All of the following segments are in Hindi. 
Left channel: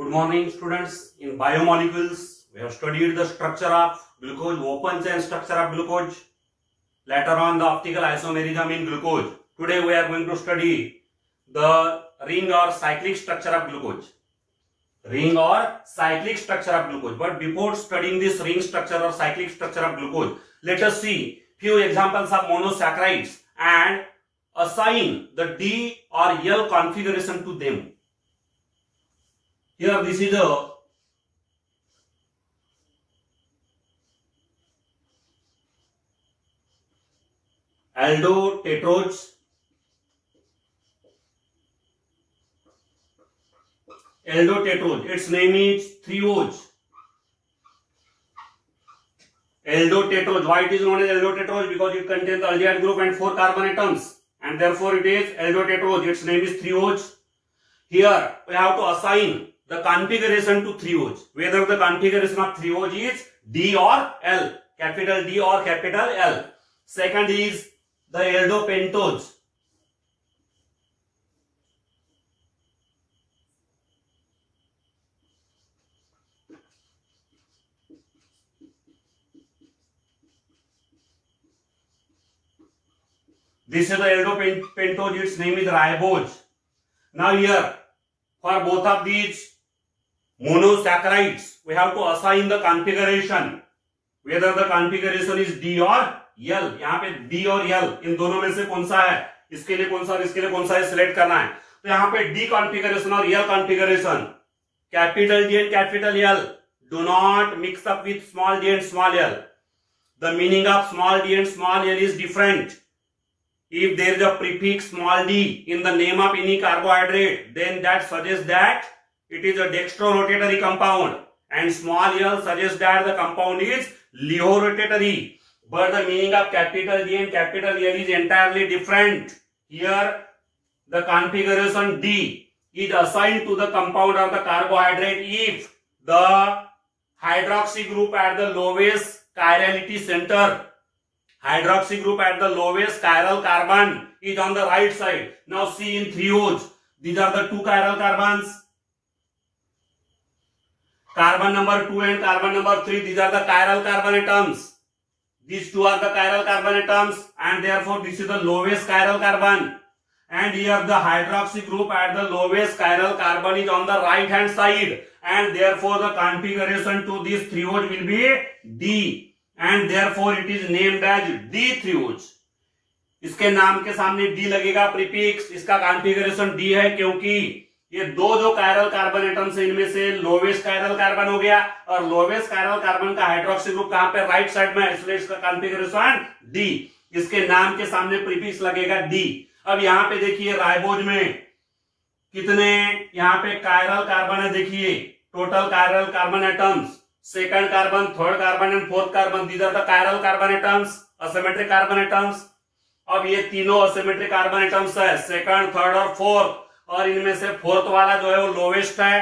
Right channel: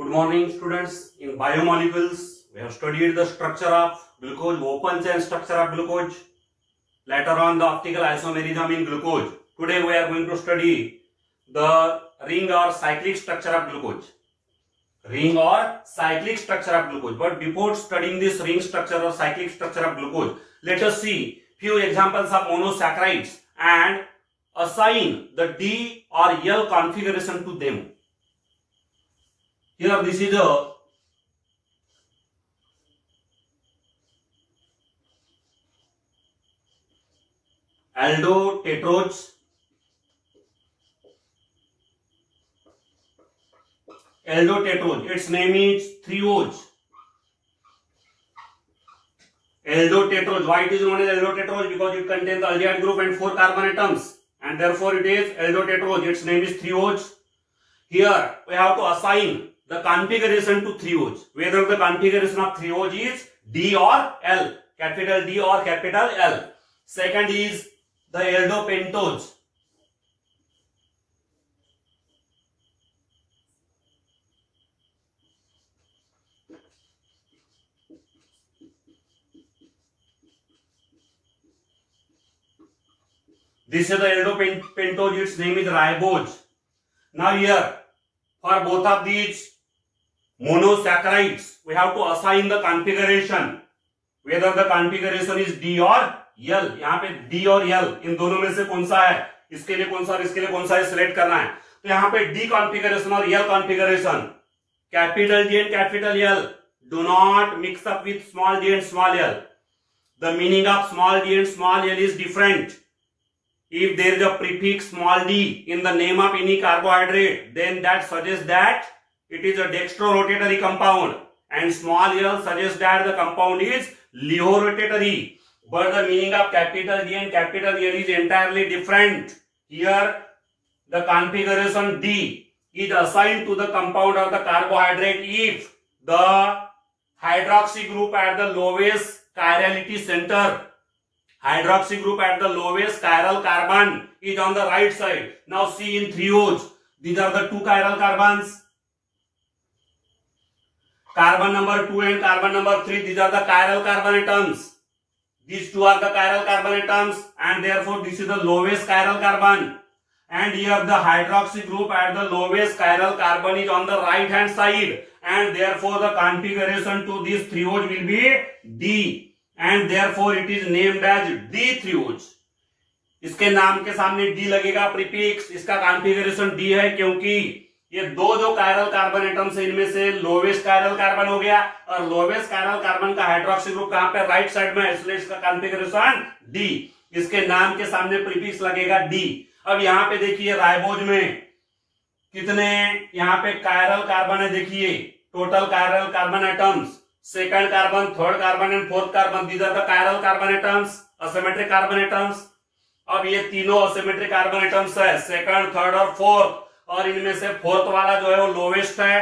Good morning, students. In biomolecules, we have studied the structure of glucose, open chain structure of glucose. Later on, the optical isomerism in glucose. Today, we are going to study the ring or cyclic structure of glucose. Ring or cyclic structure of glucose. But before studying this ring structure or cyclic structure of glucose, let us see few examples of monosaccharides and assign the D or L configuration to them. Here this is a aldotetroz, its name is 3-OH. Aldotetroz, why it is known as aldotetroz? Because it contains the aldehyde group and 4 carbon atoms, and therefore it is aldotetroz. Its name is 3-OH. Here we have to assign the configuration to 3-OH, whether the configuration of 3-OH is D or L, capital D or capital L. Second is the aldopentose. This is the aldopentose, its name is ribose. Now here, for both of these monosaccharides, we have to assign the configuration, whether the configuration is D or L. यहाँ पे D और L इन दोनों में से कौन सा है, इसके लिए कौन सा और इसके लिए कौन सा है, सिलेक्ट करना है. तो यहाँ पे D configuration और L configuration, capital D and capital L, do not mix up with small d and small l. The meaning of small d and small l is different. If there is a prefix small d in the name of any carbohydrate, then that suggests that it is a dextrorotatory compound, and small l suggests that the compound is lehorotatory. But the meaning of capital D and capital L is entirely different. Here, the configuration D is assigned to the compound or the carbohydrate if the hydroxy group at the lowest chirality center, hydroxy group at the lowest chiral carbon is on the right side. Now see in 3-OH, these are the 2 chiral carbons. Carbon number 2 and carbon number 3, these are the chiral carbon atoms. These 2 are the chiral carbon atoms, and therefore this is the lowest chiral carbon. And here the hydroxy group at the lowest chiral carbon is on the right hand side, and therefore the configuration to this 3-OH will be D. And therefore it is named as D3OH. इसके नाम के सामने D लगेगा प्रीफिक्स, इसका कॉन्फ़िगरेशन D है क्योंकि ये दो जो कायरल कार्बन एटम्स है, इनमें से लोवेस्ट कायरल कार्बन हो गया, और लोवेस्ट कायरल कार्बन का हाइड्रोक्सी ग्रुप कहां पे, राइट साइड में, इसलिए इसका कॉन्फ़िगरेशन D. इसके नाम के सामने प्रीफिक्स लगेगा D. अब यहाँ पे देखिए राइबोज में कितने यहाँ पे कायरल कार्बन है, देखिए total chiral carbon atoms, second carbon, third carbon and fourth carbon, these are the chiral carbon atoms, asymmetric carbon atoms. अब ये तीनों asymmetric carbon atoms है, second, third और fourth, और इनमें से fourth वाला जो है वो lowest है,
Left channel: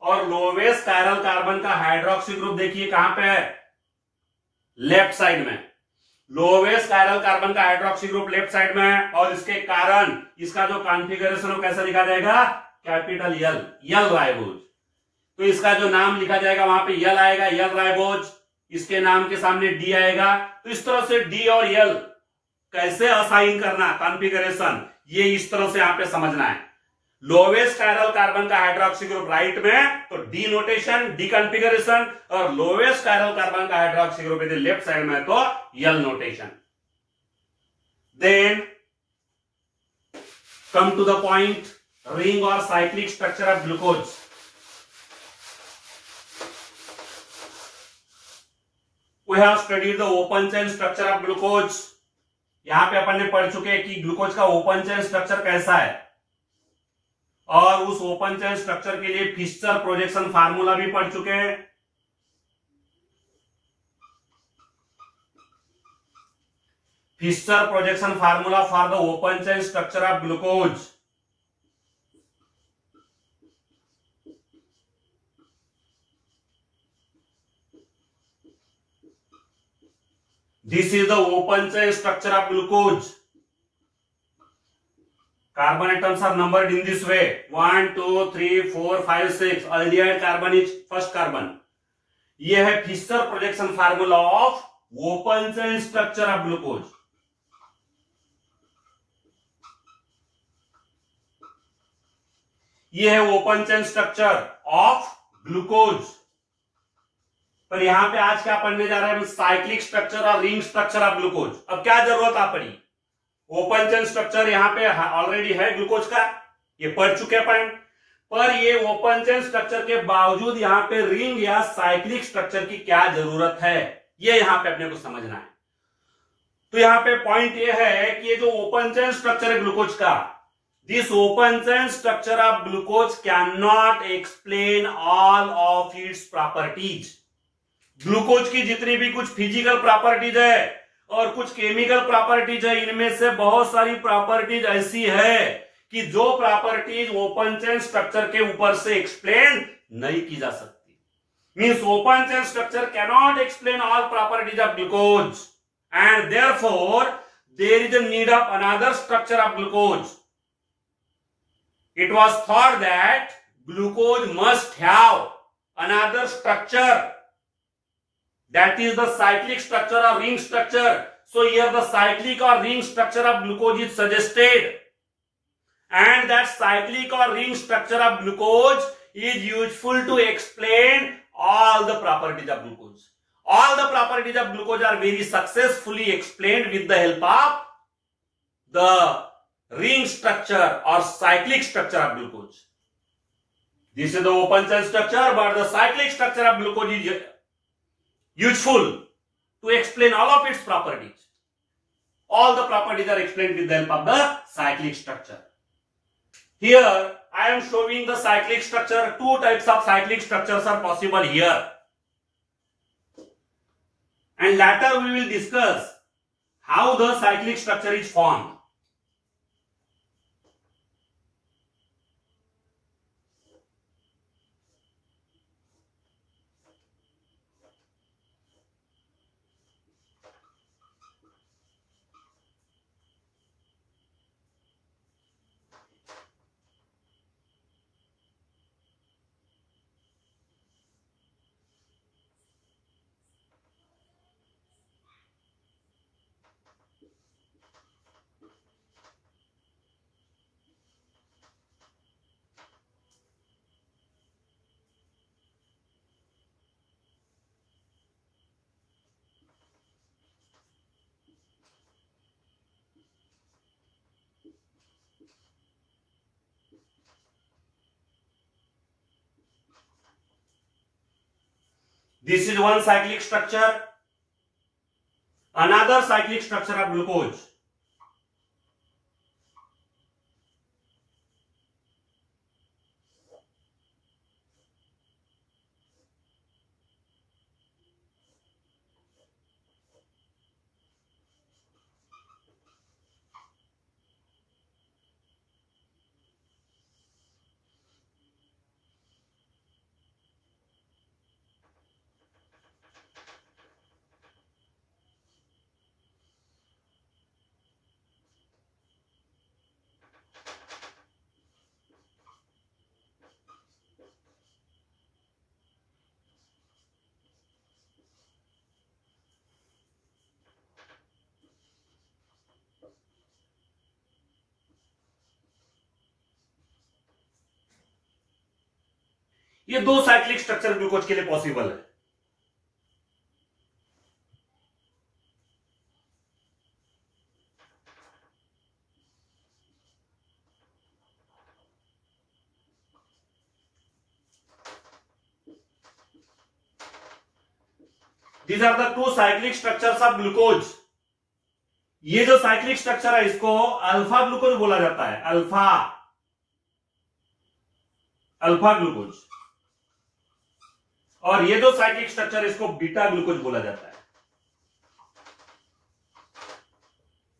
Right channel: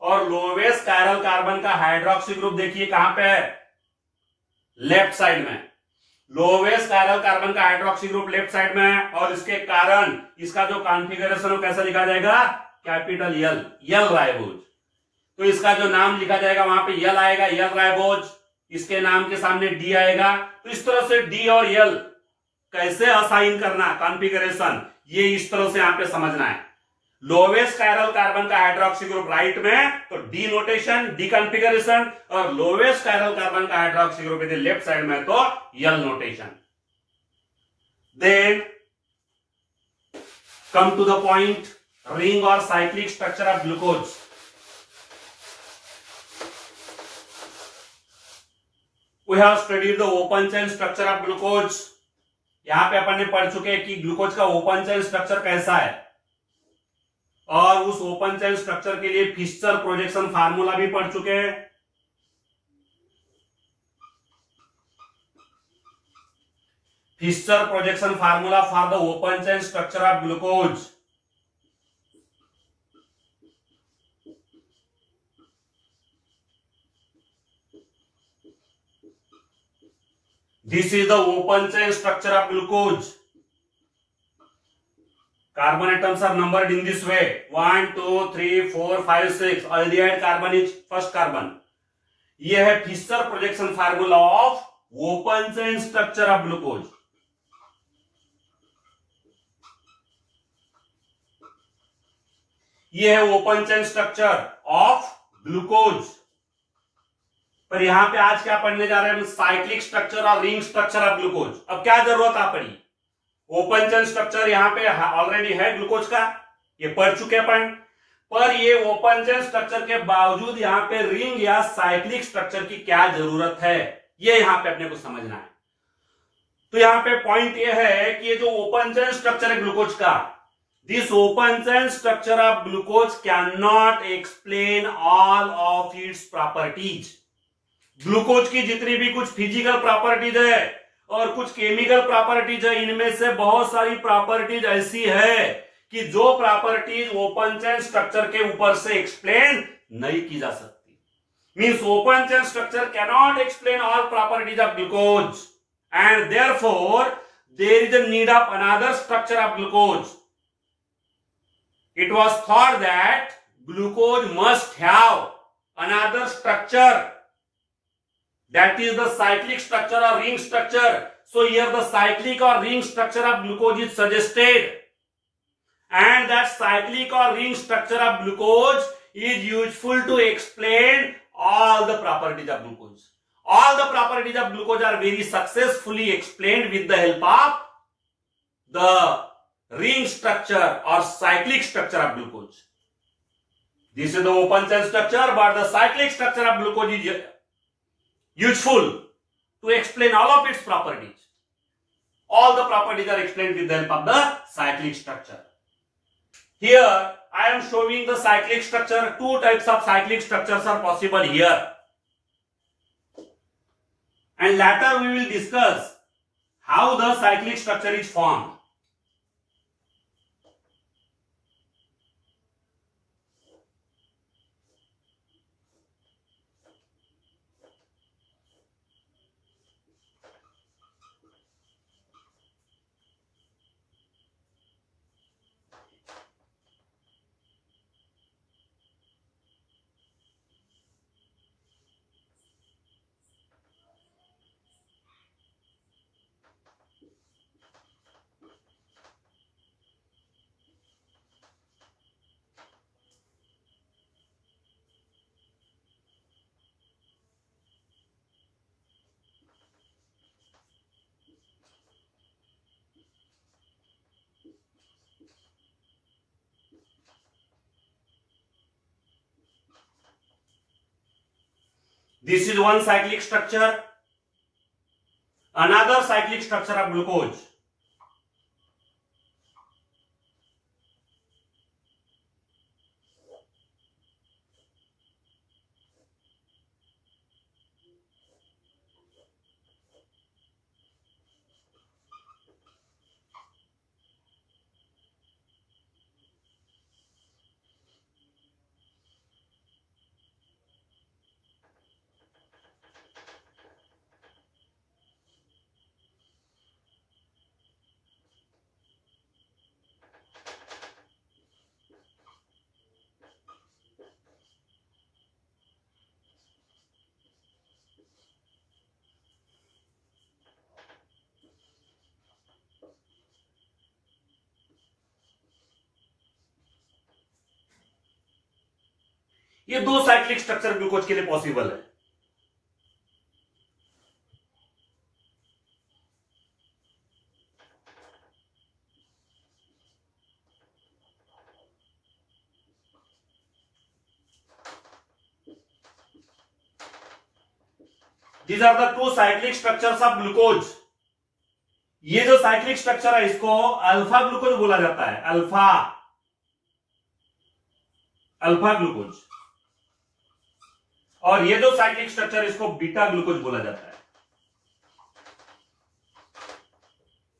और lowest chiral carbon का हाइड्रोक्सी ग्रुप देखिए कहां पे है, लेफ्ट साइड में. लोवेस्ट chiral carbon का हाइड्रोक्सी ग्रुप लेफ्ट साइड में है, और इसके कारण इसका जो कॉन्फ़िगरेशन कैसा लिखा जाएगा, कैपिटल L, L राइबोज. तो इसका जो नाम लिखा जाएगा वहां पे L आएगा, L राइबोज, इसके नाम के सामने D आएगा. तो इस तरह से D और L कैसे असाइन करना कॉन्फ़िगरेशन, ये इस तरह से यहां पे समझना है. लोवेस्ट कायरल कार्बन का हाइड्रोक्सी ग्रुप राइट में, तो D नोटेशन, D कॉन्फ़िगरेशन, और लोवेस्ट कायरल कार्बन का हाइड्रोक्सी ग्रुप यदि लेफ्ट साइड में, तो L notation. Then come to the point, ring और cyclic structure of glucose. We have studied the open chain structure of glucose. यहाँ पे अपन ने पढ़ चुके हैं कि ग्लूकोज का ओपन चेन स्ट्रक्चर कैसा है, और उस ओपन चेन स्ट्रक्चर के लिए फिशर प्रोजेक्शन फार्मूला भी पढ़ चुके हैं. Fischer projection formula for the open chain structure of glucose. This is the open chain structure of glucose. Carbon atoms are numbered in this way. 1, 2, 3, 4, 5, 6. Aldehyde carbon is first carbon. ये है Fisher projection formula of open chain structure of glucose. ये है open chain structure of glucose. पर यहां पे आज क्या पढ़ने जा रहे हैं हम? साइक्लिक स्ट्रक्चर और रिंग स्ट्रक्चर ऑफ ग्लूकोज. अब क्या जरूरत आ पड़ी? ओपन चेन स्ट्रक्चर यहां पे ऑलरेडी है ग्लूकोज का, ये पढ़ चुके अपन. पर ये ओपन चेन स्ट्रक्चर के बावजूद यहां पे रिंग या साइक्लिक स्ट्रक्चर की क्या जरूरत है, ये यहां पे अपने को समझना है. तो यहां पे पॉइंट ये है कि ये जो ओपन चेन स्ट्रक्चर है ग्लूकोज का, this open chain structure of glucose can not explain all of its properties. Glucose की जितनी भी कुछ फिजिकल प्रॉपर्टीज है और कुछ केमिकल प्रॉपर्टीज है, इनमें से बहुत सारी प्रॉपर्टीज ऐसी है कि जो प्रॉपर्टीज ओपन चेन स्ट्रक्चर के ऊपर से एक्सप्लेन नहीं की जा सकती. Means open chain structure cannot explain all properties of glucose and therefore there is a need of another structure of glucose. It was thought that glucose must have another structure, that is the cyclic structure or ring structure. So here the cyclic or ring structure of glucose is suggested, and that cyclic or ring structure of glucose is useful to explain all the properties of glucose. All the properties of glucose are very successfully explained with the help of the ring structure or cyclic structure of glucose. This is the open chain structure, but the cyclic structure of glucose is useful to explain all of its properties. All the properties are explained with the help of the cyclic structure. Here I am showing the cyclic structure. Two types of cyclic structures are possible here, and later we will discuss how the cyclic structure is formed. This is one cyclic structure. Another cyclic structure of glucose. ये दो साइक्लिक स्ट्रक्चर ग्लूकोज के लिए पॉसिबल है. These are the two cyclic structures of glucose. ये जो साइक्लिक स्ट्रक्चर है इसको अल्फा ग्लूकोज बोला जाता है. Alpha glucose. और ये जो साइक्लिक स्ट्रक्चर इसको बीटा ग्लूकोज बोला जाता है.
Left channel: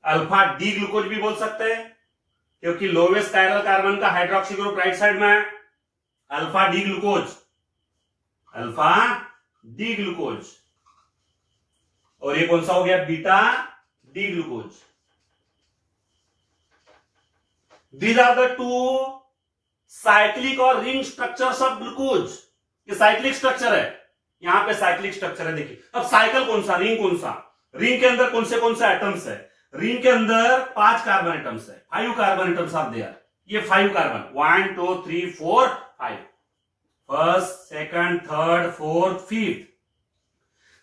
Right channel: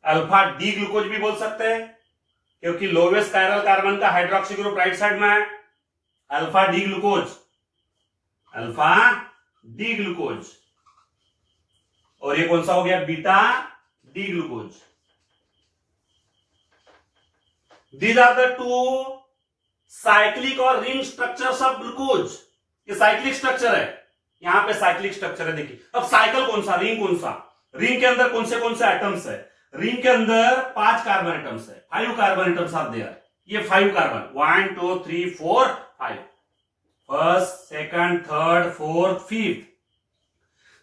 अल्फा डी ग्लूकोज भी बोल सकते हैं क्योंकि लोवेस्ट कायरल कार्बन का हाइड्रोक्सी ग्रुप राइट साइड में है. Alpha D glucose, alpha D glucose. और ये कौन सा हो गया? Beta D glucose. These are the two cyclic और रिंग स्ट्रक्चर्स ऑफ ग्लूकोज। ये साइक्लिक स्ट्रक्चर है, यहां पे साइक्लिक स्ट्रक्चर है। देखिए अब साइकिल कौन सा, रिंग कौन सा, रिंग के अंदर कौन से एटम्स है, रिंग के अंदर 5 कार्बन एटम्स है, 5 कार्बन एटम्स आर देयर। ये 5 carbon 1 2 3 4 5, first second third fourth fifth.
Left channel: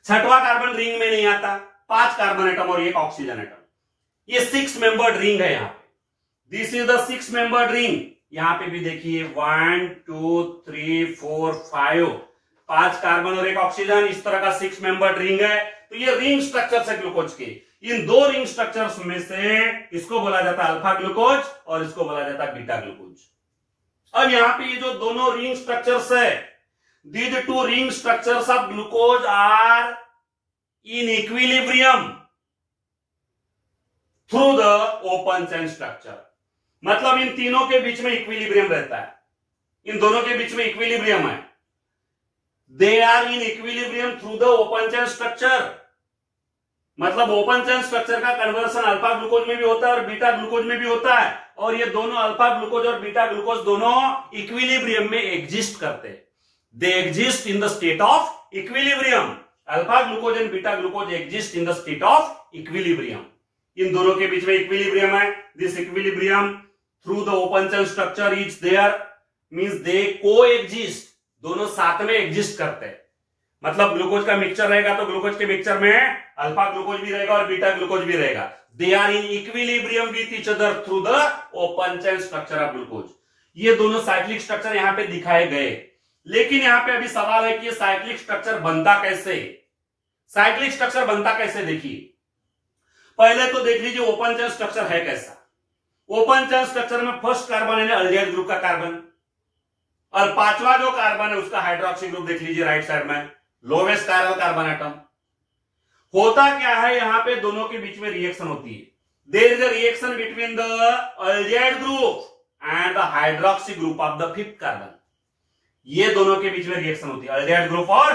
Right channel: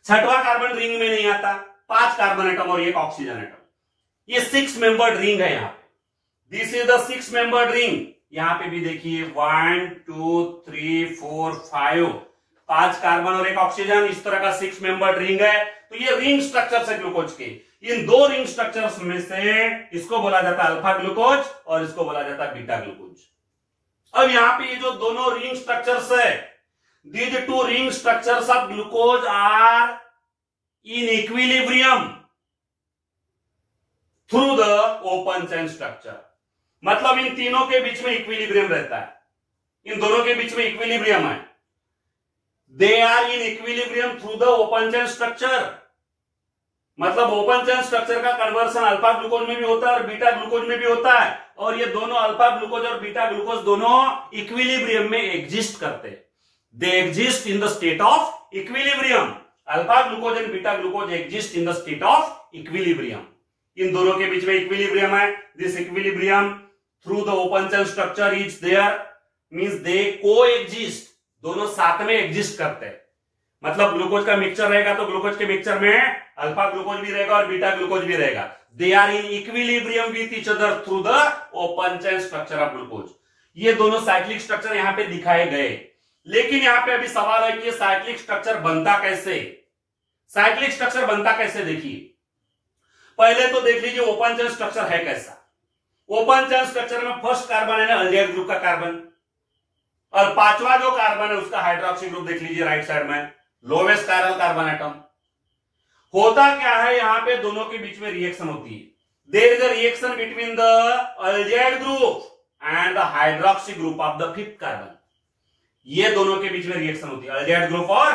छठवां कार्बन रिंग में नहीं आता, 5 कार्बन एटम और 1 ऑक्सीजन एटम। ये 6 मेंबर्ड रिंग है यहां पे, this is the 6 membered ring. यहां पे भी देखिए 1 2 3 4 5, 5 कार्बन और 1 ऑक्सीजन, इस तरह का 6 मेंबर्ड रिंग है। तो ये रिंग स्ट्रक्चर है ग्लूकोज के। इन 2 रिंग स्ट्रक्चर्स में से इसको बोला जाता है अल्फा ग्लूकोज और इसको बोला जाता है बीटा ग्लूकोज। अब यहां पे ये जो दोनों रिंग स्ट्रक्चर्स है, these 2 ring structures of glucose are in equilibrium through the open chain structure। मतलब इन तीनों के बीच में इक्विलिब्रियम रहता है, इन दोनों के बीच में इक्विलिब्रियम है। They are in equilibrium through the open chain structure. मतलब ओपन चेन स्ट्रक्चर का कन्वर्सन अल्फा ग्लूकोज में भी होता है और बीटा ग्लूकोज में भी होता है, और ये दोनों अल्फा ग्लूकोज और बीटा ग्लूकोज दोनों इक्विलिब्रियम में एग्जिस्ट करते हैं। They exist in the state of equilibrium. Alpha glucose and beta glucose exist in the state of equilibrium. इन दोनों के बीच में इक्विलिब्रियम है। This equilibrium through the open chain structure is there, means they coexist। दोनों साथ में एग्जिस्ट करते हैं। मतलब ग्लूकोज का मिक्सचर रहेगा तो ग्लूकोज के मिक्सचर में अल्फा ग्लूकोज भी रहेगा और बीटा ग्लूकोज भी रहेगा। They are in equilibrium with each other through the open chain structure of glucose। ये दोनों साइक्लिक स्ट्रक्चर यहां पे दिखाए गए। लेकिन यहां पे अभी सवाल है कि साइक्लिक स्ट्रक्चर बनता कैसे, साइक्लिक स्ट्रक्चर बनता कैसे। देखिए पहले तो देख लीजिए ओपन चेन स्ट्रक्चर है कैसा। ओपन चेन स्ट्रक्चर में फर्स्ट कार्बन है अल्डिहाइड ग्रुप का कार्बन, और 5वां जो कार्बन है उसका हाइड्रोक्सी ग्रुप देख लीजिए राइट साइड में, लोवेस्ट कायरल कार्बन एटम। होता क्या है यहां पे दोनों के बीच में रिएक्शन होती है। There is a reaction between the aldehyde group and the hydroxy group of the 5th carbon. ये दोनों के बीच में रिएक्शन होती है, अल्डिहाइड ग्रुप और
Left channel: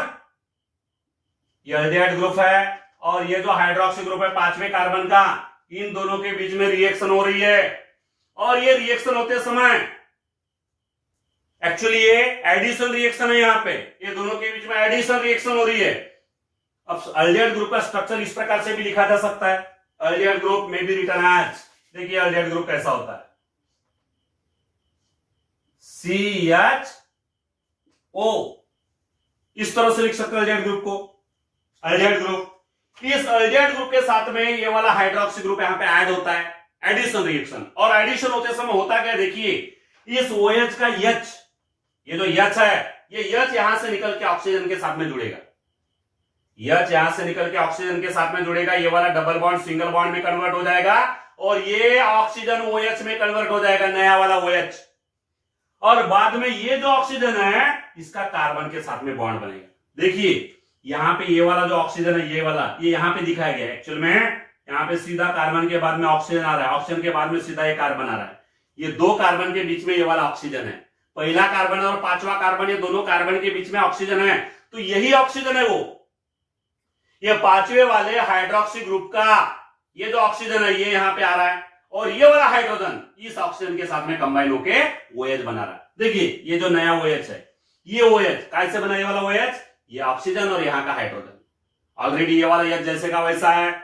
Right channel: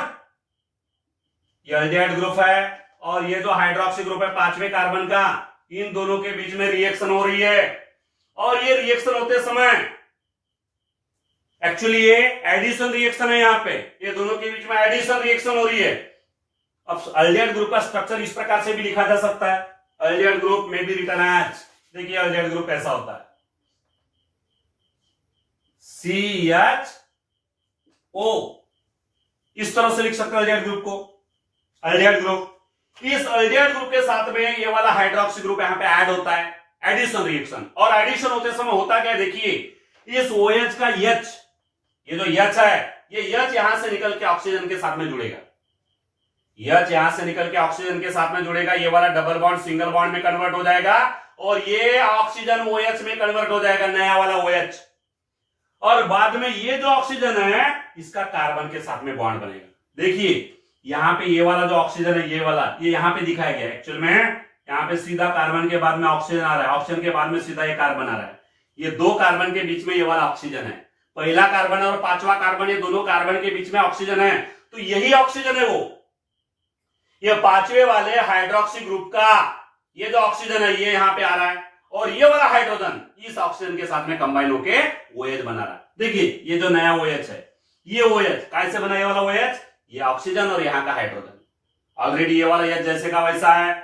ये अल्डिहाइड ग्रुप है और ये जो हाइड्रोक्सी ग्रुप है 5वें कार्बन का, इन दोनों के बीच में रिएक्शन हो रही है। और ये रिएक्शन होते समय एक्चुअली ये एडिशन रिएक्शन है, यहां पे ये दोनों के बीच में एडिशन रिएक्शन हो रही है। अब अल्डिहाइड ग्रुप का स्ट्रक्चर इस प्रकार से भी लिखा जा सकता है, अल्डिहाइड ग्रुप में भी रिटर्न एज, देखिए अल्डिहाइड ग्रुप कैसा होता है, CHO, इस तरह से लिख सकते हैं अल्डिहाइड ग्रुप को। अल्डिहाइड ग्रुप, इस अल्डिहाइड ग्रुप के साथ में ये वाला हाइड्रोक्सी ग्रुप यहां पे ऐड होता है, एडिशन रिएक्शन। और एडिशन होते समय होता क्या, देखिए इस OH का H, ये जो H है, ये H यहां से निकल के ऑक्सीजन के साथ में जुड़ेगा, H यहां से निकल के ऑक्सीजन के साथ में जुड़ेगा, ये वाला डबल बॉन्ड सिंगल बॉन्ड में कन्वर्ट हो जाएगा और ये ऑक्सीजन OH में कन्वर्ट हो जाएगा, नया वाला OH। और बाद में ये जो ऑक्सीजन है इसका कार्बन के साथ में बॉन्ड बनेगा। देखिए यहां पे ये वाला जो ऑक्सीजन है, ये वाला, ये यहां पे दिखाया गया। एक्चुअल में यहां पे सीधा कार्बन के बाद में ऑक्सीजन आ रहा है, ऑक्सीजन के बाद में सीधा ये कार्बन आ रहा है। ये 2 कार्बन के बीच में ये वाला ऑक्सीजन है, पहला कार्बन और 5वां कार्बन, ये दोनों कार्बन के बीच में ऑक्सीजन है। तो यही ऑक्सीजन है वो, ये 5वें वाले हाइड्रोक्सी ग्रुप का ये जो ऑक्सीजन है ये यहां पे आ रहा है, और ये वाला हाइड्रोजन इस ऑक्सीजन के साथ में कंबाइन होके OH बना रहा है। देखिए ये जो नया OH है, ये OH कैसे बना, ये वाला OH, ये ऑक्सीजन और यहाँ का हाइड्रोजन। ऑलरेडी ये वाला H जैसे का वैसा है,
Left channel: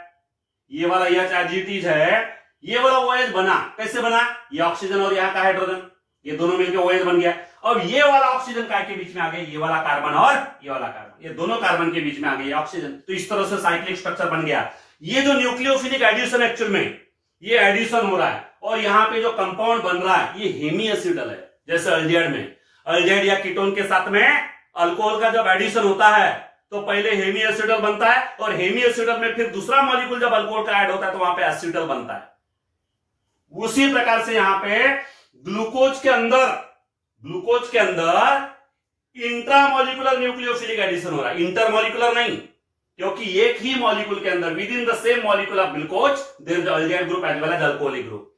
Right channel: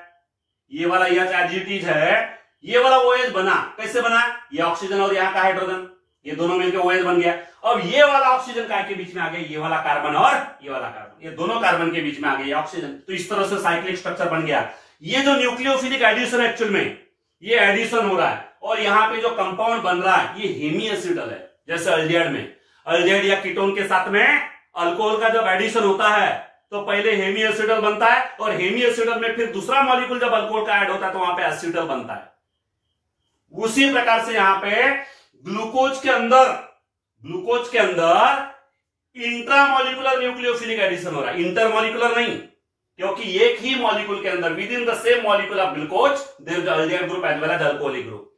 ये वाला H एज इट इज है, ये वाला OH बना, कैसे बना, ये ऑक्सीजन और यहाँ का हाइड्रोजन, ये दोनों मिलकर OH बन गया। अब ये वाला ऑक्सीजन काय के बीच में आ गया, ये वाला कार्बन और ये वाला कार्बन, ये दोनों कार्बन के बीच में आ गया ऑक्सीजन। तो इस तरह से साइक्लिक स्ट्रक्चर बन गया। ये जो न्यूक्लियोफिलिक एडिशन एक्चुअल में ये एडिशन हो रहा है, और यहाँ पे जो कंपाउंड बन रहा है ये हेमी एसिडल है। जैसे अल्डिहाइड में, अल्डिहाइड या कीटोन के साथ में अल्कोहल का जब एडिशन होता है तो पहले हेमी एसिडल बनता है, और हेमी एसिडल में फिर दूसरा मॉलिक्यूल जब अल्कोहल का ऐड होता है तो वहां पे एसिडल बनता है। उसी प्रकार से यहां पे ग्लूकोज के अंदर इंट्रामोलिकुलर न्यूक्लियोफिलिक एडिशन हो रहा है, इंटरमोलिकुलर नहीं, क्योंकि एक ही मॉलिक्यूल के अंदर within the same molecule of glucose there is aldehyde group as well as alcoholic group.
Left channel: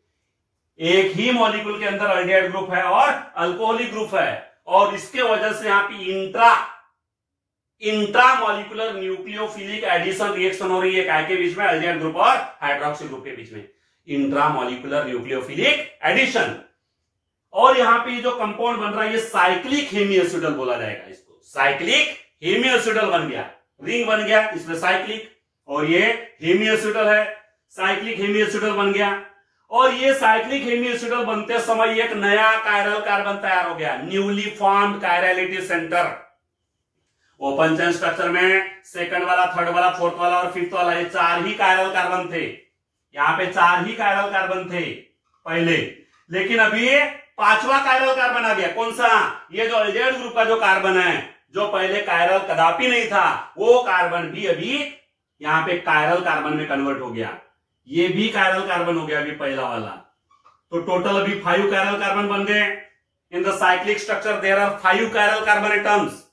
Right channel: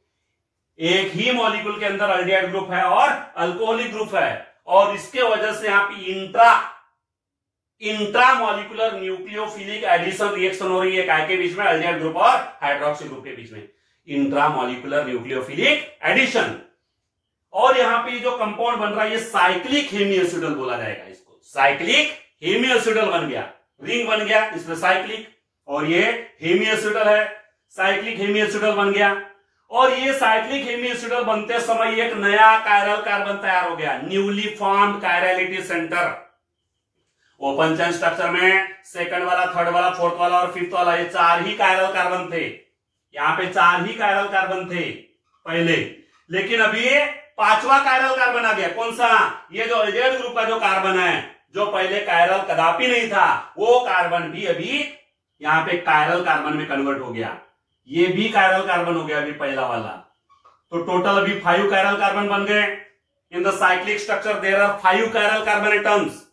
एक ही मॉलिक्यूल के अंदर अल्डिहाइड ग्रुप है और अल्कोहलिक ग्रुप है, और इसके वजह से यहां पे इंट्रामोलिकुलर न्यूक्लियोफिलिक एडिशन रिएक्शन हो रही है, काय के बीच में, अल्डिहाइड ग्रुप और हाइड्रोक्सी ग्रुप के बीच में। Intramolecular nucleophilic addition. और यहां पे जो कंपाउंड बन रहा है ये साइक्लिक हेमिएसिडल बोला जाएगा इसको, साइक्लिक हेमिएसिडल बन गया, रिंग बन गया इसमें साइक्लिक, और ये हेमिएसिडल है, साइक्लिक हेमिएसिडल बन गया। और ये साइक्लिक हेमिएसिडल बनते समय एक नया कायरल कार्बन तैयार हो गया, newly formed chirality centre. Open chain structure में सेकंड वाला, थर्ड वाला, फोर्थ वाला और फिफ्थ वाला, ये 4 ही कायरल कार्बन थे। यहां पे 4 ही कायरल कार्बन थे पहले, लेकिन अभी 5वां कायरल कार्बन आ गया। कौन सा? ये जो एल्डिहाइड ग्रुप का जो कार्बन है, जो पहले कायरल कदापि नहीं था, वो कार्बन भी अभी यहां पे कायरल कार्बन में कन्वर्ट हो गया। ये भी कायरल कार्बन हो गया अभी पहला वाला। तो टोटल अभी 5 कायरल कार्बन बन गए। In the cyclic structure there are 5 chiral carbon atoms,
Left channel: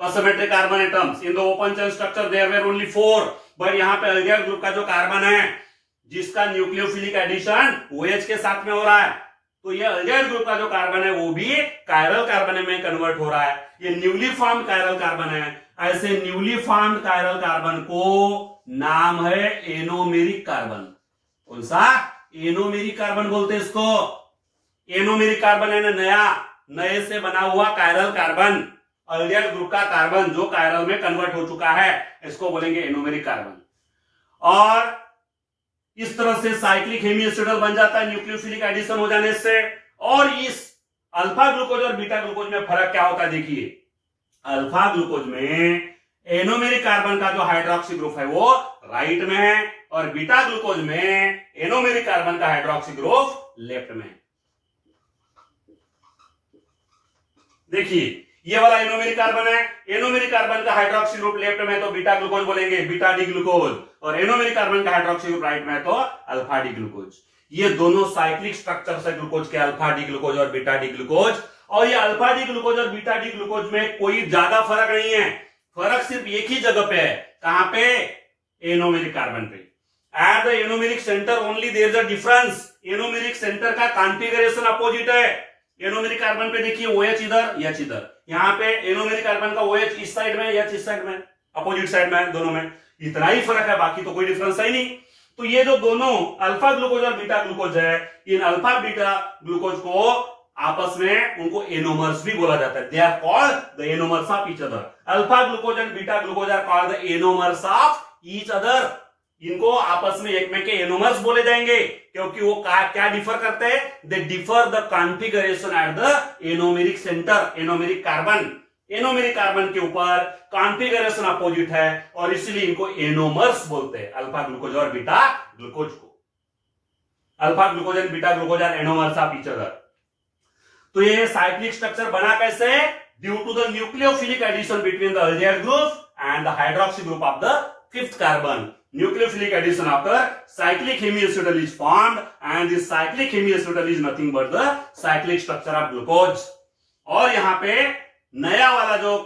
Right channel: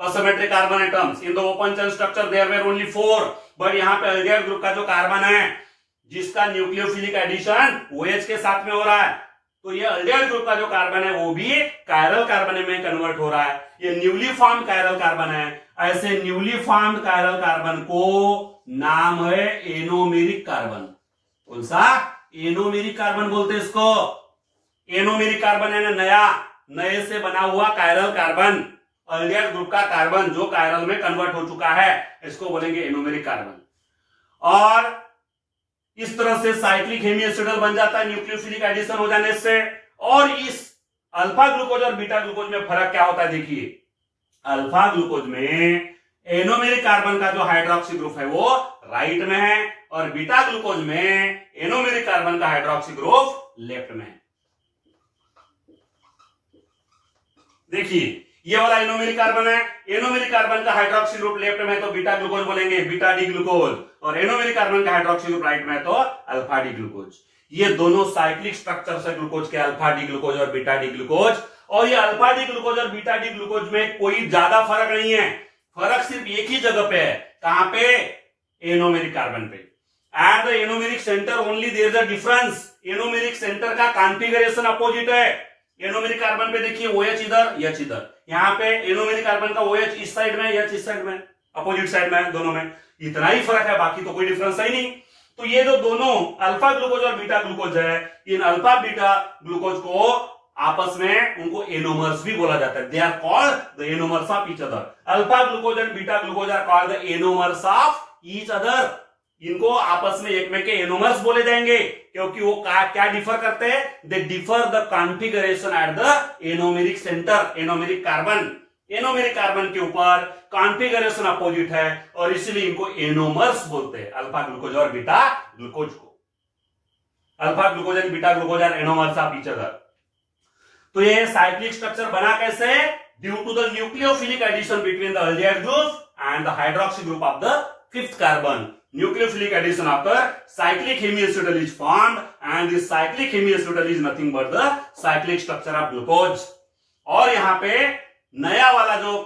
asymmetric carbon atoms. In the open chain structure there were only 4, but यहाँ पे एल्डिहाइड ग्रुप का जो कार्बन है जिसका न्यूक्लियोफिलिक एडिशन OH के साथ में हो रहा है, तो ये एल्डिहाइड ग्रुप का जो कार्बन है वो भी कायरल कार्बन में कन्वर्ट हो रहा है। ये न्यूली फॉर्म्ड कायरल कार्बन है। ऐसे न्यूली फॉर्म्ड कायरल कार्बन को नाम है एनोमेरिक कार्बन। कौन सा? एनोमेरिक कार्बन बोलते हैं इसको। एनोमेरिक कार्बन है ना, नया, नए से बना हुआ कायरल कार्बन, एल्डिहाइड ग्रुप का कार्बन जो कायरल में कन्वर्ट हो चुका है, इसको बोलेंगे एनोमेरिक कार्बन। और इस तरह से साइक्लिक हेमिएसिडल बन जाता है न्यूक्लियोफिलिक एडिशन हो जाने से। और इस अल्फा ग्लूकोज और बीटा ग्लूकोज में फर्क क्या होता है देखिए। अल्फा ग्लूकोज में एनोमेरिक कार्बन का जो हाइड्रोक्सी ग्रुप है वो राइट में है, और बीटा ग्लूकोज में एनोमेरिक कार्बन का हाइड्रोक्सी ग्रुप लेफ्ट में है। देखिए ये वाला एनोमेरिक कार्बन है, एनोमेरिक कार्बन का हाइड्रोक्सी ग्रुप लेफ्ट में तो बीटा ग्लूकोज बोलेंगे, बीटा डी ग्लूकोज, और एनोमेरिक कार्बन का हाइड्रोक्सी ग्रुप राइट में तो अल्फा डी ग्लूकोज। ये दोनों साइक्लिक स्ट्रक्चर से ग्लूकोज के, अल्फा डी ग्लूकोज और बीटा डी ग्लूकोज। और ये अल्फा डी ग्लूकोज और बीटा डी ग्लूकोज में कोई ज्यादा फर्क नहीं है, फर्क सिर्फ एक ही जगह पे है। कहां पे? एनोमेरिक कार्बन पे। At the anomeric centre only there is a difference. Anomeric centre का कॉन्फ़िगरेशन अपोजिट है। एनोमेरिक कार्बन पे देखिए OH इधर, H इधर। यहाँ पे एनोमेरिक कार्बन का OH इस साइड में, H इस साइड में, अपोजिट साइड में, दोनों में इतना ही फर्क है, बाकी तो कोई डिफरेंस है ही नहीं। तो ये जो दोनों अल्फा ग्लूकोज और बीटा ग्लूकोज है, इन अल्फा बीटा ग्लूकोज को आपस में उनको एनोमर्स भी बोला जाता है। They are called the anomers of each other. Alpha glucose and beta glucose are called the anomers of each other. इनको आपस में एक में के एनोमर्स बोले जाएंगे, क्योंकि वो क्या डिफर करते हैं? They differ the configuration eight the anomeric centre. Anomeric carbon के ऊपर कॉन्फ़िगरेशन अपोजिट है, और इसलिए इनको एनोमर्स बोलते हैं, अल्फा ग्लूकोज और बीटा ग्लूकोज को। Alpha glucose and beta glucose are anomers of each other. तो ये साइक्लिक स्ट्रक्चर बना कैसे? Due to the nucleophilic addition between the aldehyde group and the hydroxy group of the fifth carbon. Nucleophilic addition after cyclic hemiacetal is formed, and this cyclic hemiacetal is nothing but the cyclic structure of glucose. और यहाँ पे नया वाला जो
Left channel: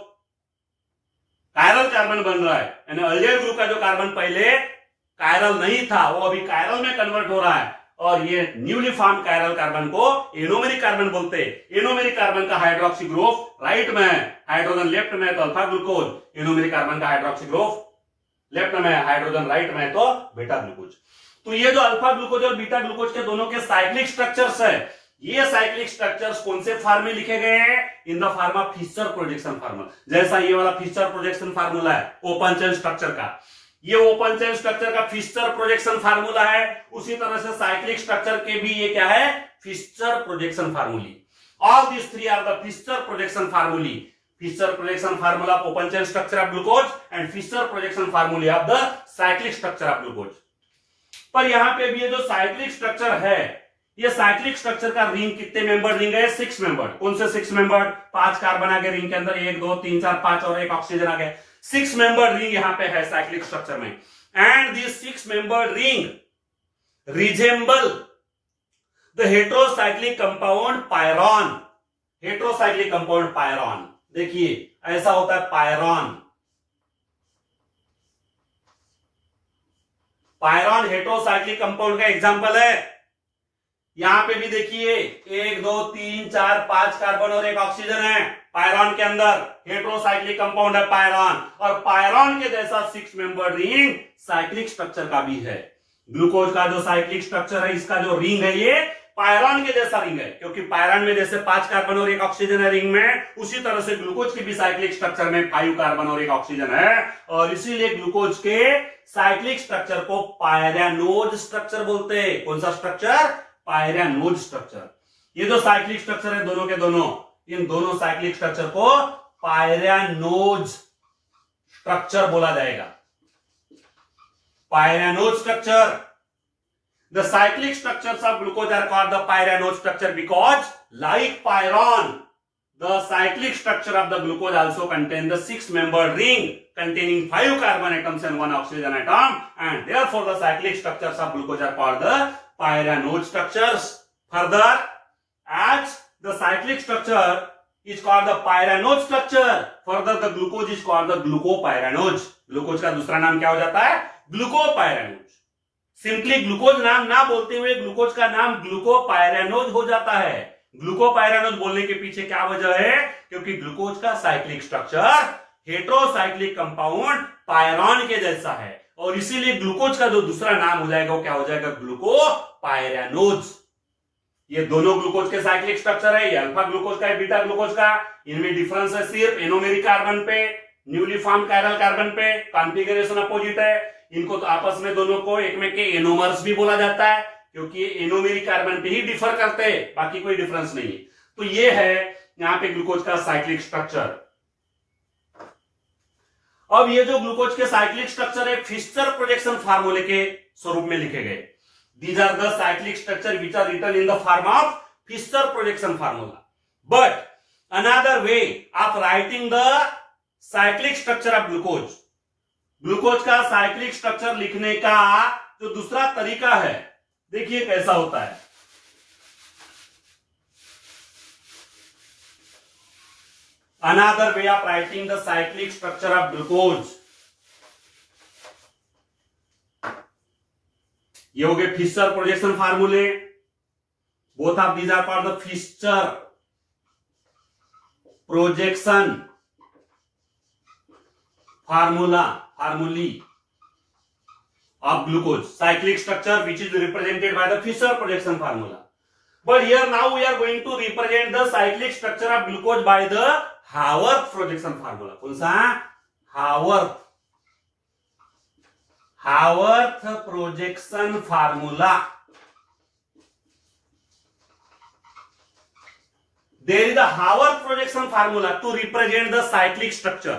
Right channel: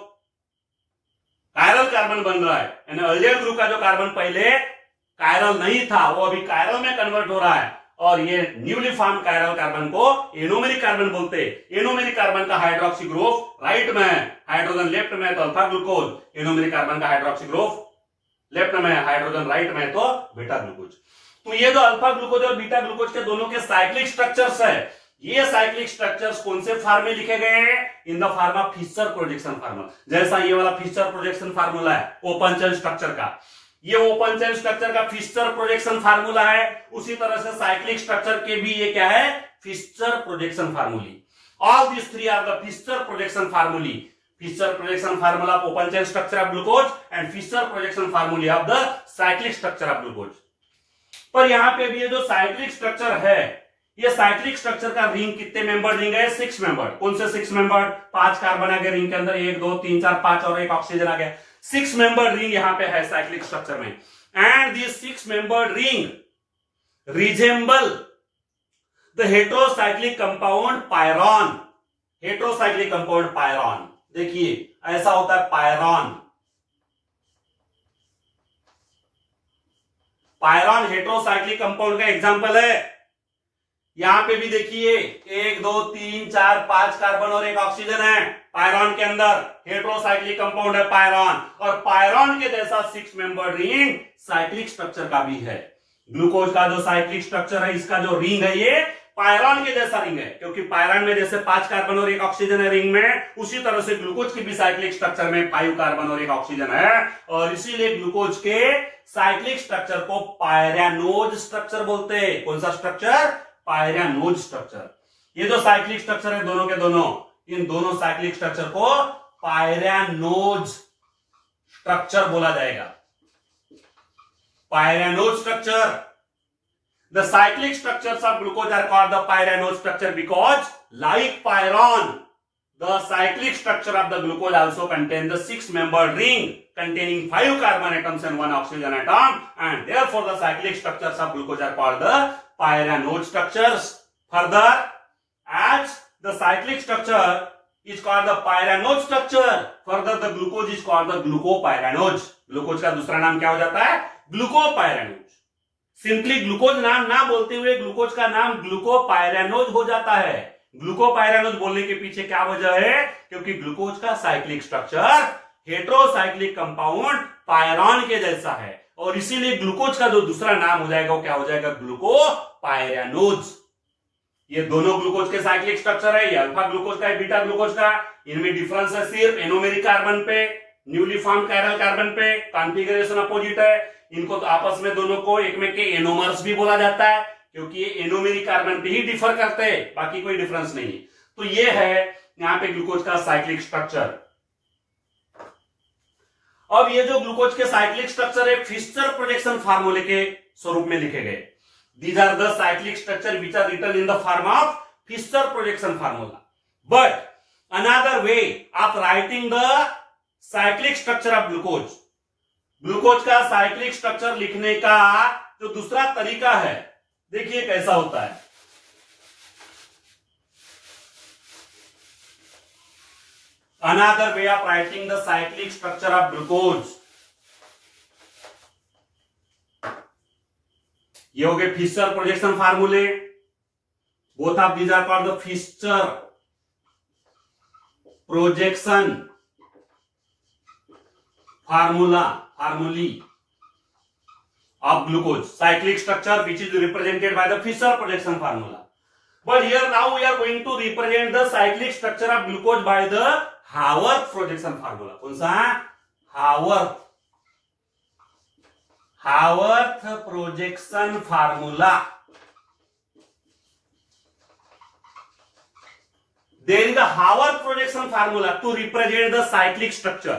कायरल कार्बन बन रहा है, यानी एल्डिहाइड ग्रुप का जो कार्बन पहले कायरल नहीं था वो अभी कायरल में कन्वर्ट हो रहा है, और ये न्यूली फॉर्म्ड कायरल कार्बन को एनोमेरिक कार्बन बोलते हैं। एनोमेरिक कार्बन का हाइड्रोक्सी ग्रुप राइट में है, हाइड्रोजन लेफ्ट में तो अल्फा ग्लूकोज। एनोमेरिक कार्बन का हाइड्रोक्सी ग्रुप लेफ्ट में, हाइड्रोजन राइट में तो बीटा ग्लूकोज। तो ये जो अल्फा ग्लूकोज और बीटा ग्लूकोज के दोनों के साइक्लिक स्ट्रक्चर्स है, ये साइक्लिक स्ट्रक्चर्स कौन से फॉर्म में लिखे गए हैं? In the form of Fischer projection formula. जैसा ये वाला फिशर प्रोजेक्शन फार्मूला है ओपन चेन स्ट्रक्चर का, ये ओपन चेन स्ट्रक्चर का फिशर प्रोजेक्शन फार्मूला है, उसी तरह से साइक्लिक स्ट्रक्चर के भी ये क्या है? Fisher projection formulae. All this three are the Fisher projection formulae. Fisher projection formula of open chain structure of glucose and Fisher projection formula of the cyclic structure of glucose. पर यहाँ पे भी ये जो साइक्लिक स्ट्रक्चर है, ये साइक्लिक स्ट्रक्चर का रिंग कितने मेंबर रिंग है? 6 मेंबर। कौन से 6 मेंबर? 5 कार्बन आ गए रिंग के अंदर, 1 2 3 4 5 और 1 ऑक्सीजन आ गया। 6 मेंबर रिंग यहाँ पे है साइक्लिक स्ट्रक्चर में। And this 6 member ring resemble the heterocyclic compound pyran. Heterocyclic compound pyran, देखिए ऐसा होता है पायरॉन। पायरॉन हेट्रोसाइक्लिक कंपाउंड का एग्जांपल है। यहां पे भी देखिए 1 2 3 4 5 कार्बन और 1 ऑक्सीजन है पायरॉन के अंदर। हेट्रोसाइक्लिक कंपाउंड है पायरॉन, और पायरॉन के जैसा 6 मेंबर रिंग साइक्लिक स्ट्रक्चर का भी है। ग्लूकोज का जो साइक्लिक स्ट्रक्चर है, इसका जो रिंग है ये पायरॉन के जैसा रिंग है, क्योंकि पायरॉन में जैसे 5 कार्बन और 1 ऑक्सीजन है रिंग में, उसी तरह से ग्लूकोज की भी साइक्लिक स्ट्रक्चर में 5 कार्बन और 1 ऑक्सीजन है, और इसीलिए ग्लूकोज के साइक्लिक स्ट्रक्चर को पायरैनोज स्ट्रक्चर बोलते हैं। कौन सा स्ट्रक्चर? पायरैनोज स्ट्रक्चर। ये जो साइक्लिक स्ट्रक्चर है दोनों के दोनों, इन दोनों साइक्लिक स्ट्रक्चर को पायरैनोज स्ट्रक्चर बोला जाएगा। पायरैनोज structure. The cyclic structures of glucose are called the pyranose structure because, like pyron, the cyclic structure of the glucose also contains the 6-membered ring containing 5 carbon atoms and 1 oxygen atom, and therefore the cyclic structures of glucose are called the pyranose structures. Further, as the cyclic structure is called the pyranose structure, further the glucose is called the glucopyranose. Glucose का दूसरा नाम क्या हो जाता है? ग्लूकोपायरानोज। सिंपली ग्लूकोज नाम ना बोलते हुए ग्लूकोज का नाम ग्लूकोपायरानोज हो जाता है। ग्लूकोपायरानोज बोलने के पीछे क्या वजह है? क्योंकि ग्लूकोज का साइक्लिक स्ट्रक्चर हेटेरोसाइक्लिक कंपाउंड पायरॉन के जैसा है, और इसीलिए ग्लूकोज का जो दूसरा नाम हो जाएगा वो क्या हो जाएगा? ग्लूकोपायरानोज। ये दोनों ग्लूकोज के साइक्लिक स्ट्रक्चर है, ये अल्फा ग्लूकोज का है, बीटा ग्लूकोज का। इनमें डिफरेंस है सिर्फ एनोमेरिक कार्बन पे, न्यूली फॉर्म कायरल कार्बन पे, कॉन्फ़िगरेशन अपोजिट है। इनको तो आपस में दोनों को एक में के एनोमर्स भी बोला जाता है, क्योंकि ये एनोमेरिक कार्बन पे ही डिफर करते हैं, बाकी कोई डिफरेंस नहीं। तो ये है यहां पे ग्लूकोज का साइक्लिक स्ट्रक्चर। अब ये जो ग्लूकोज के साइक्लिक स्ट्रक्चर है फिशर प्रोजेक्शन फार्मूले के स्वरूप में लिखे गए। These are the cyclic structure which are written in the form of Fisher projection formula. But another way of writing the cyclic structure of glucose, glucose का साइक्लिक स्ट्रक्चर लिखने का जो दूसरा तरीका है, देखिए कैसा होता है। Another way of writing the cyclic structure of glucose, ये हो गए फिशर प्रोजेक्शन फार्मूले। Both of these are called the Fisher projection formulae of glucose cyclic structure which is represented by the Fisher projection formula. But here now we are going to represent the cyclic structure of glucose by the Haworth projection formula. कौन सा? Haworth projection formula. There is the Haworth projection formula to represent the cyclic structure.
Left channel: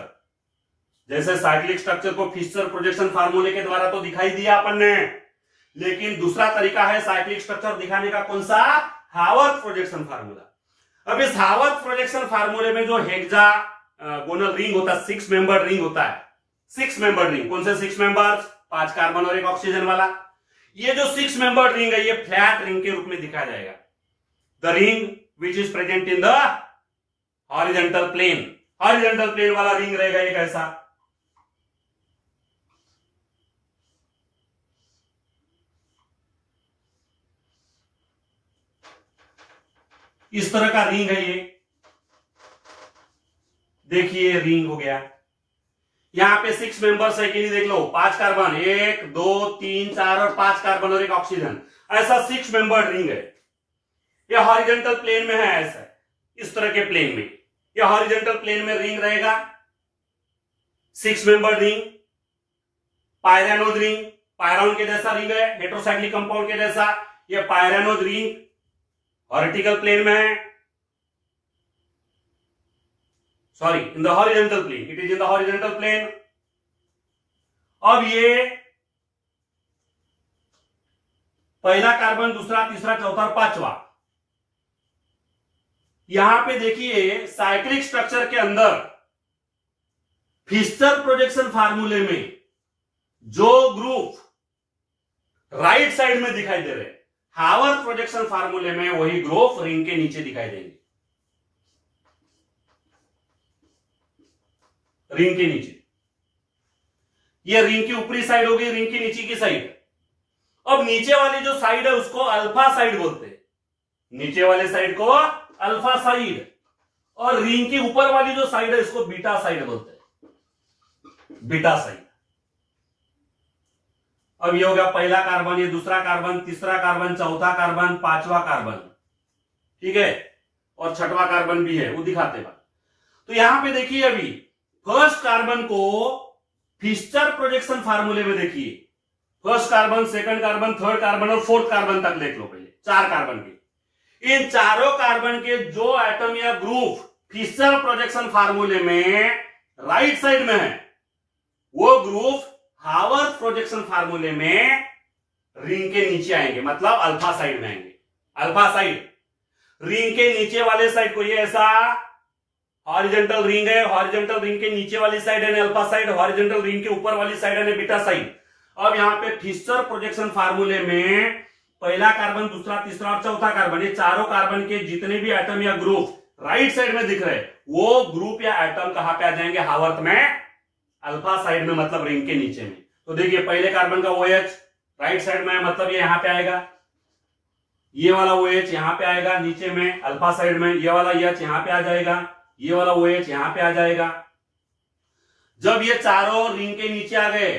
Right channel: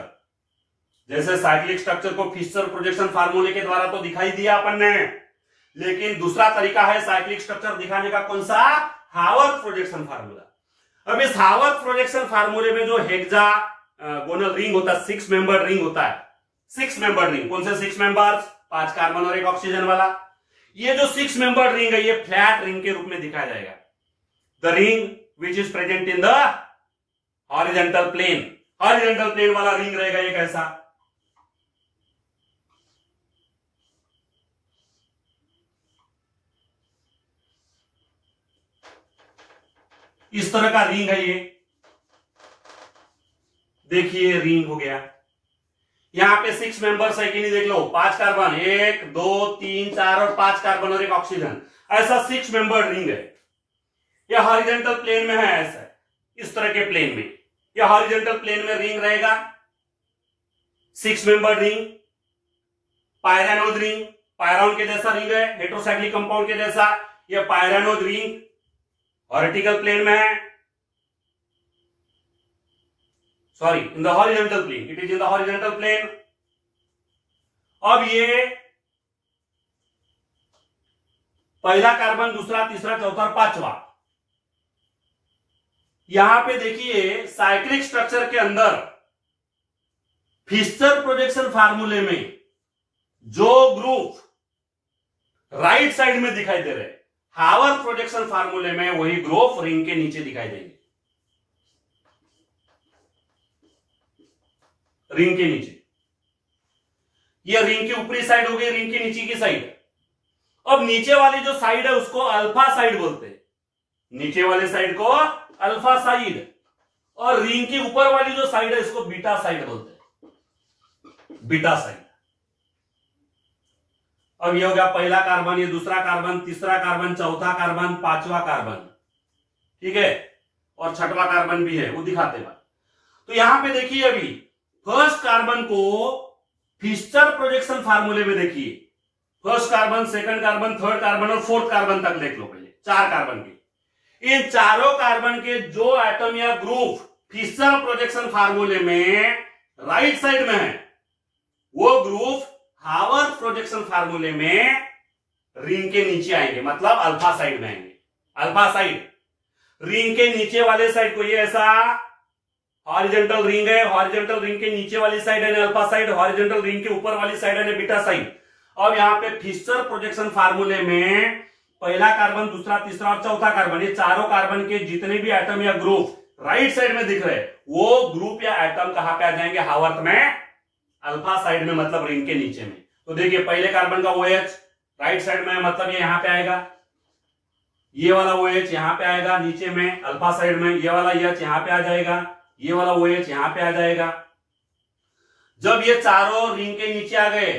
जैसे साइक्लिक स्ट्रक्चर को फिशर प्रोजेक्शन फार्मूले के द्वारा तो दिखाई दिया अपन ने, लेकिन दूसरा तरीका है साइक्लिक स्ट्रक्चर दिखाने का। कौन सा? Haworth projection formula. अब इस हावर्थ प्रोजेक्शन फार्मूले में जो हेक्सागोनल रिंग होता है, 6 मेंबर्ड रिंग होता है। 6 मेंबर्ड रिंग, कौन से 6 मेंबर्स? 5 कार्बन और 1 ऑक्सीजन वाला। ये जो 6 मेंबर्ड रिंग है ये फ्लैट रिंग के रूप में दिखाया जाएगा। The ring which is present in the horizontal plane. Horizontal plane वाला रिंग रहेगा ये कैसा? इस तरह का रिंग है ये। देखिए रिंग हो गया। यहां पे 6 मेंबर्स है कि नहीं देख लो। 5 कार्बन, 1 2 3 4 और 5 कार्बन और 1 ऑक्सीजन, ऐसा 6 मेंबर्ड रिंग है। यह हॉरिजॉन्टल प्लेन में है, ऐसा इस तरह के प्लेन में यह हॉरिजॉन्टल प्लेन में रिंग रहेगा। 6 मेंबर्ड रिंग, पायरैनोज रिंग, पायरॉन के जैसा रिंग है, हेटेरोसाइक्लिक कंपाउंड के जैसा। यह पायरैनोज रिंग वर्टिकल प्लेन में है, sorry in the horizontal plane, it is in the horizontal plane. अब ये पहला कार्बन, दूसरा, तीसरा, चौथा और 5वां, यहां पे देखिए साइक्लिक स्ट्रक्चर के अंदर फिशर प्रोजेक्शन फार्मूले में जो ग्रुप राइट साइड में दिखाई दे रहे, हावर्थ प्रोजेक्शन फार्मूले में वही ग्रुप रिंग के नीचे दिखाई देंगे। रिंग के नीचे, ये रिंग की ऊपरी साइड हो गई, रिंग की नीचे की साइड। अब नीचे वाली जो साइड है उसको अल्फा साइड बोलते हैं, नीचे वाली साइड को अल्फा साइड, और रिंग की ऊपर वाली जो साइड है इसको बीटा साइड बोलते हैं, बीटा साइड। अब ये हो गया पहला कार्बन, ये दूसरा कार्बन, तीसरा कार्बन, चौथा कार्बन, पांचवा कार्बन, ठीक है, और छठवां कार्बन भी है, वो दिखाते हैं। तो यहां पे देखिए अभी फर्स्ट कार्बन को फिशर प्रोजेक्शन फार्मूले में देखिए, first carbon, second carbon, third carbon और फोर्थ कार्बन तक देख लो पहले, 4 कार्बन के। इन चारों कार्बन के जो एटम या ग्रुप फिशर प्रोजेक्शन फार्मूले में राइट साइड में है, वो ग्रुप हावर्थ प्रोजेक्शन फार्मूले में रिंग के नीचे आएंगे, मतलब अल्फा साइड में आएंगे। अल्फा साइड रिंग के नीचे वाले साइड को, ये ऐसा हॉरिजॉन्टल रिंग है, हॉरिजॉन्टल रिंग के नीचे वाली साइड है अल्फा साइड, हॉरिजॉन्टल रिंग के ऊपर वाली साइड है बीटा साइड। अब यहां पे फिशर प्रोजेक्शन फार्मूले में पहला कार्बन, दूसरा, तीसरा और चौथा कार्बन, ये चारों कार्बन के जितने भी एटम या ग्रुप राइट साइड में दिख रहे हैं, वो ग्रुप या एटम कहां पे आ जाएंगे, हावर्थ में, अल्फा साइड में, मतलब रिंग के नीचे में। तो देखिए पहले कार्बन का OH राइट साइड में है, मतलब ये यहां पे आएगा, ये वाला OH यहां पे आएगा नीचे में अल्फा साइड में, ये वाला H यहां पे आ जाएगा, ये वाला OH यहां पे आ जाएगा। जब ये चारों रिंग के नीचे आ गए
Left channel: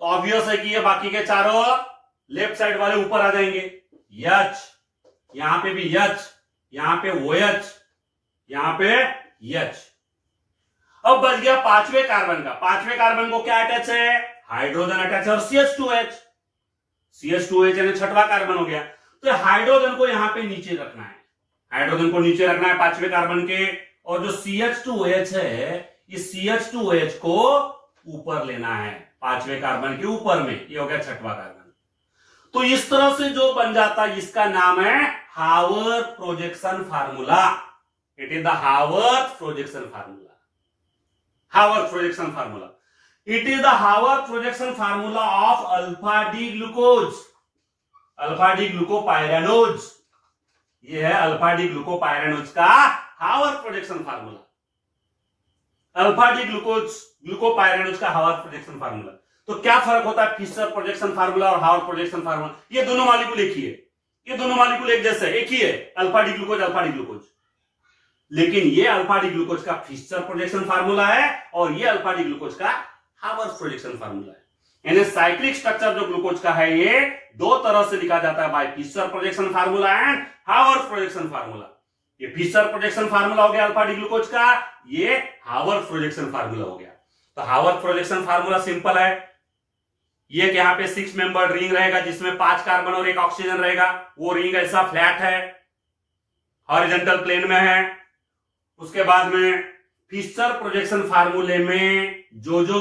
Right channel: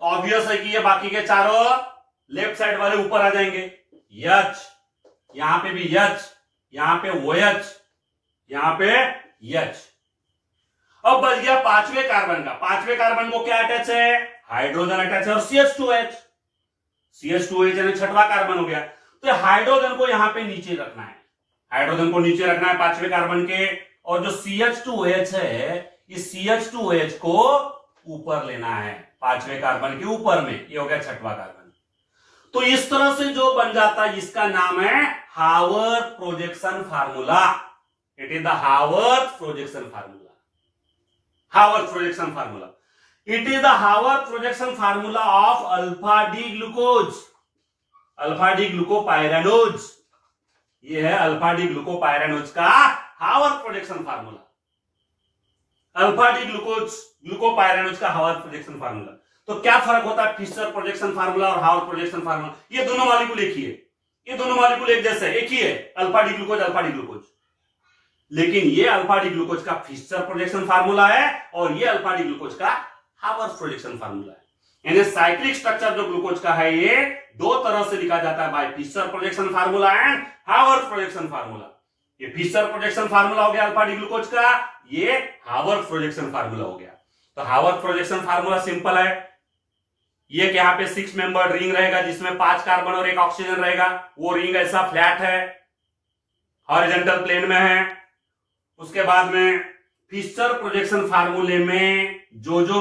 तो ऑब्वियस है कि ये बाकी के चारों लेफ्ट साइड वाले ऊपर आ जाएंगे। H, यहां पे भी H, यहां पे OH, यहां पे H। अब बच गया पांचवें कार्बन का। पांचवें कार्बन को क्या अटैच है, हाइड्रोजन अटैच है और CH2H, CH2H यानी छठवां कार्बन हो गया। तो हाइड्रोजन को यहां पे नीचे रखना है, हाइड्रोजन को नीचे रखना है पांचवें कार्बन के, और जो CH2H है, इस CH2H को ऊपर लेना है पांचवें कार्बन के ऊपर में, ये हो गया छठवां कार्बन। तो इस तरह से जो बन जाता है, इसका नाम है Haworth projection formula. It is the Haworth projection formula, Haworth projection formula. It is the Haworth projection formula of alpha D glucose, alpha D glucopyranose. ये है अल्फा डी ग्लूकोपाइरानोज का Haworth projection formula, alpha D glucopyranose का हावर्थ प्रोजेक्शन फार्मूला। तो क्या फर्क होता है फिशर प्रोजेक्शन फार्मूला और हावर्थ प्रोजेक्शन फार्मूला? ये दोनों मॉलिक्यूल एक ही है, ये दोनों मॉलिक्यूल एक जैसे एक ही है, alpha D glucose, alpha D glucose. लेकिन ये अल्फा डी ग्लूकोज का फिशर प्रोजेक्शन फार्मूला है और ये अल्फा डी ग्लूकोज का हावर्थ प्रोजेक्शन फार्मूला है। यानी साइक्लिक स्ट्रक्चर जो ग्लूकोज का है, ये दो तरह से लिखा जाता है, by Fischer projection formula and Haworth projection formula. ये फिशर प्रोजेक्शन फार्मूला हो गया अल्फा डी ग्लूकोज का, ये हावर्थ प्रोजेक्शन फार्मूला हो गया। तो हावर्थ प्रोजेक्शन फार्मूला सिंपल है, ये कि यहाँ पे 6 मेंबर्ड रिंग रहेगा जिसमें 5 कार्बन और 1 ऑक्सीजन रहेगा। वो रिंग ऐसा फ्लैट है, हॉरिजॉन्टल प्लेन में है। उसके बाद में फिशर प्रोजेक्शन फार्मूले में जो जो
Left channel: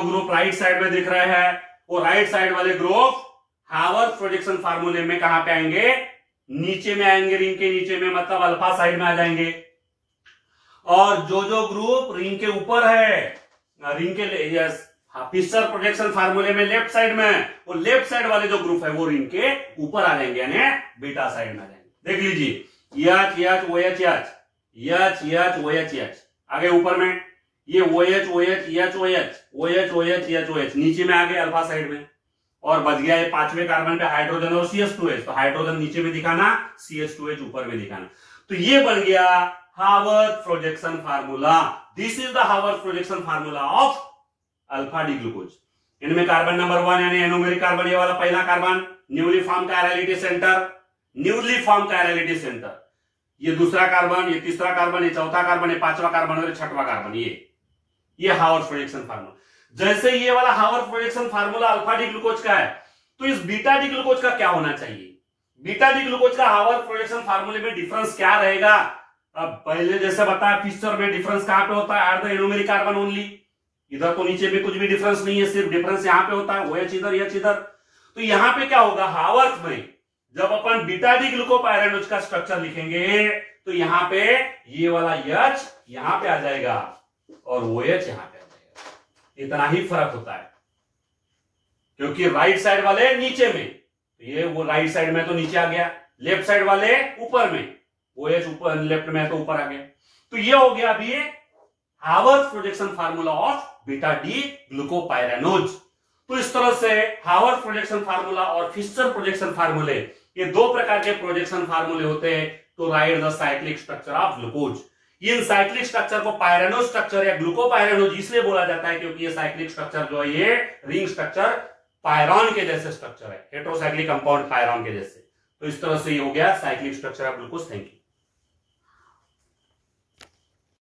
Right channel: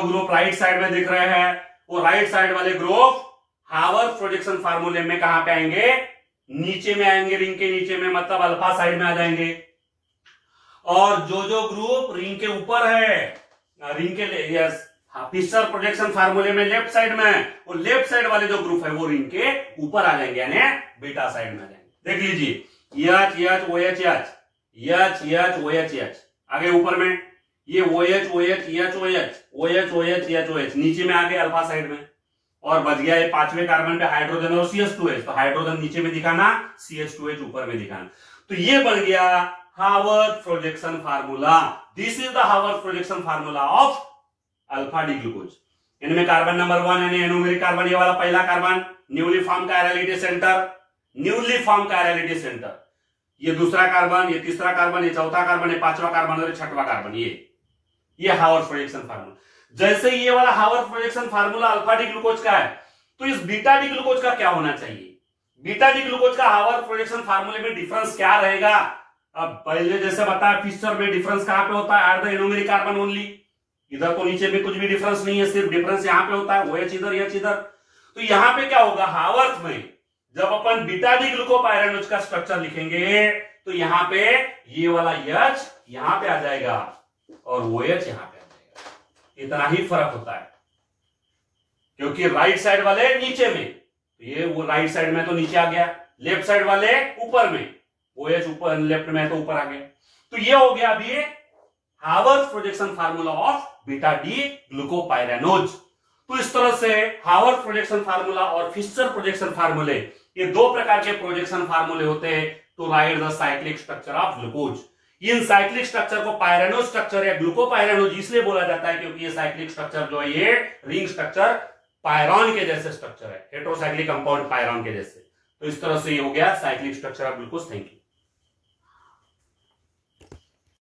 ग्रुप राइट साइड में दिख रहे हैं, वो राइट साइड वाले ग्रुप हावर्थ प्रोजेक्शन फार्मूले में कहां पे आएंगे, नीचे में आएंगे, रिंग के नीचे में, मतलब अल्फा साइड में आ जाएंगे। और जो ग्रुप रिंग के ऊपर है, रिंग के फिशर प्रोजेक्शन फार्मूले में लेफ्ट साइड में, वो लेफ्ट साइड वाले जो ग्रुप है वो रिंग के ऊपर आ जाएंगे, यानी बीटा साइड में आ जाएंगे। देख लीजिए H OH H OH H, आगे ऊपर में ये OH OH H OH OH, नीचे में आगे अल्फा साइड में। और बच गया ये पांचवें कार्बन पे हाइड्रोजन और CH2H, तो हाइड्रोजन नीचे में दिखाना, CH2H ऊपर में दिखाना। तो ये बन गया Haworth projection formula. This is the Haworth projection formula of alpha D glucose. इनमें कार्बन नंबर 1 यानी एनोमेरिक कार्बन, ये वाला पहला carbon, newly form chirality centre, newly form chirality centre. ये दूसरा कार्बन, ये तीसरा कार्बन, ये चौथा कार्बन, ये पांचवा कार्बन और छठवां कार्बन। ये हावर्थ प्रोजेक्शन फार्मूला। जैसे ये वाला Haworth projection formula alpha D glucose का है, तो इस बीटा डी ग्लूकोज का क्या होना चाहिए? बीटा डी ग्लूकोज का हावर्थ प्रोजेक्शन फार्मूले में डिफरेंस क्या रहेगा? अब पहले जैसे बताया फिशर में डिफरेंस कहां पे होता है, eight the anomeric carbon only. इधर तो नीचे में कुछ भी डिफरेंस नहीं है, सिर्फ डिफरेंस यहां पे होता है, OH इधर H इधर। तो यहां पे क्या होगा, हावर्थ में जब अपन बीटा डी ग्लूकोपाइरानोज का स्ट्रक्चर लिखेंगे तो यहां पे ये वाला H यहां पे आ जाएगा और OH यहां पे आ जाएगा। इतना ही फर्क होता है, क्योंकि राइट साइड वाले नीचे में, ये वो राइट साइड में तो नीचे आ गया, लेफ्ट साइड वाले ऊपर में, OH ऊपर लेफ्ट में है तो ऊपर आ गया। तो ये हो गया अभी Haworth projection formula of beta D glucopyranose. तो इस तरह से हावर्थ प्रोजेक्शन फार्मूला और फिशर प्रोजेक्शन फार्मूले, ये दो प्रकार के प्रोजेक्शन फार्मूले होते हैं to write the cyclic structure of glucose. इन साइक्लिक स्ट्रक्चर को पायरानोज स्ट्रक्चर या ग्लूकोपाइरानोज इसलिए बोला जाता है क्योंकि ये साइक्लिक स्ट्रक्चर जो है, ये रिंग स्ट्रक्चर पायरॉन के जैसे स्ट्रक्चर है, हेटेरोसाइक्लिक कंपाउंड पायरॉन के जैसे। तो इस तरह से ये हो गया cyclic structure of glucose. Thank you.